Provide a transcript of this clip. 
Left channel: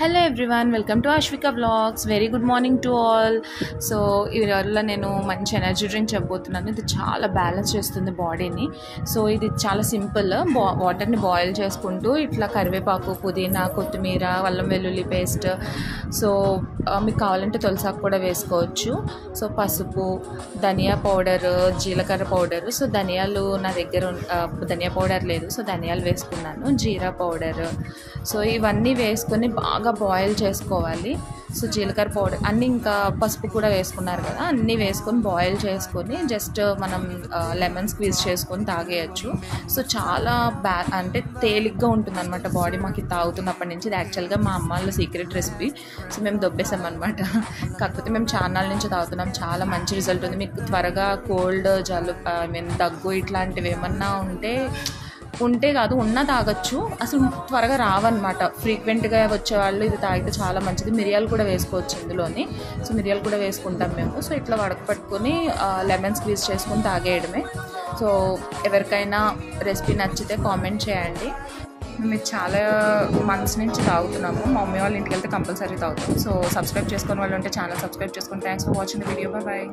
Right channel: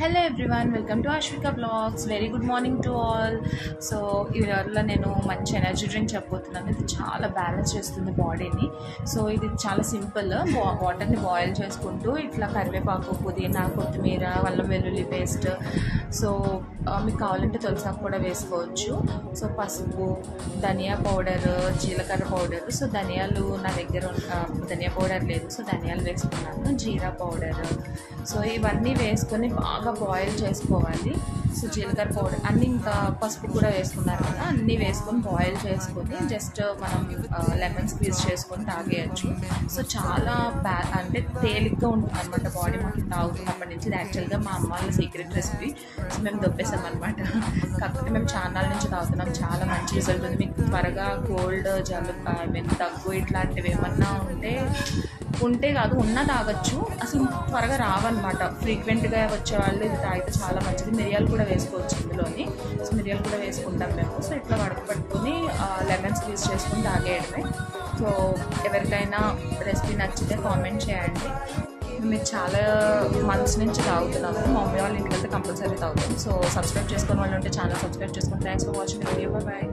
Hello everyone, welcome to Ashwika blogs. Very good morning to all. So ఇవాళ నేను మంచి energy drink చెప్పబోతున్నాను. ఇది చాలా బ్యాలెన్స్ చేస్తుంది బాడీని. సో ఇది చాలా సింపుల్. వాటర్ని బాయిల్ చేసుకుంటూ ఇట్లా కరివేపాకు, పుదీనా, కొత్తిమీర, అల్లం వెల్లుల్లి పేస్ట్, సో మీకు కావాలంటే తులసాకు కూడా వేసుకోవచ్చు. సో పసుపు, ధనియా పౌడర్, జీలకర్ర పౌడర్. సో ధనియాలు నా దగ్గర ధనియా పౌడర్ లేదు, సో ధనియాలు వేసుకున్నాను. జీరా పౌడర్. సో ఇవన్నీ వేసుకొని బాగా బాయిల్ చేసుకోవాలి. సో జీలకర్ర పౌడర్ అన్నీ, ఇంకా పసుపు కూడా వేసుకున్నారు కదా, అన్నీ వేసుకొని బాయిల్ చేసుకొని జస్ట్ మనం లెమన్ స్క్వీజ్ చేసుకొని తాగేయచ్చు. సో చాలా అంటే తేలిగ్గా ఉంటుంది అనమాట బాడీ. మాకు ఇది తాగుతున్నప్పటి నుంచి. ఇది యాక్చువల్గా మా అమ్మ వాళ్ళ సీక్రెట్ రెసిపీ. సో మేము దొబ్బేసాం అనమాట. కాకపోతే మేము చాలా నుంచి తాగుతున్నాం. చాలా మంచి రిజల్ట్ ఉంది. మీకు త్వరగా కోల్డ్, దగ్గు ఇట్లాంటివి ఏమన్నా ఉంటే కాదు, ఉన్నా తాగొచ్చు. అసలు త్వరగా రావన్నమాట. ఫ్రీక్వెంట్గా వచ్చేవాళ్ళు ఇది తాగితే చాలా మంచిది. మిరియాలు కూడా వేసుకోవచ్చు ఇందులోని. సో మిరియాలు కూడా వేసుకుంటాం మేము. సో ఇట్లా వడకపట్టుకొని లెమన్ స్క్వీజ్ చేసుకొని తాగేయడమే. సో ఎవరికైనా రెసిపీ నచ్చితే కామెంట్ చేయండి. మేము చాలా మంత్స్ నుంచి తాగుతున్నాము. మా మమ్మీ వాళ్ళ ఇంటికి వెళ్తే కంపల్సరీ తాగుతాం. సో సబ్స్క్రైబ్ చేసుకుని వాళ్ళు ఉంటే ఛానల్ సబ్స్క్రైబ్ చేసుకుని. Thanks for watching the video. Bye.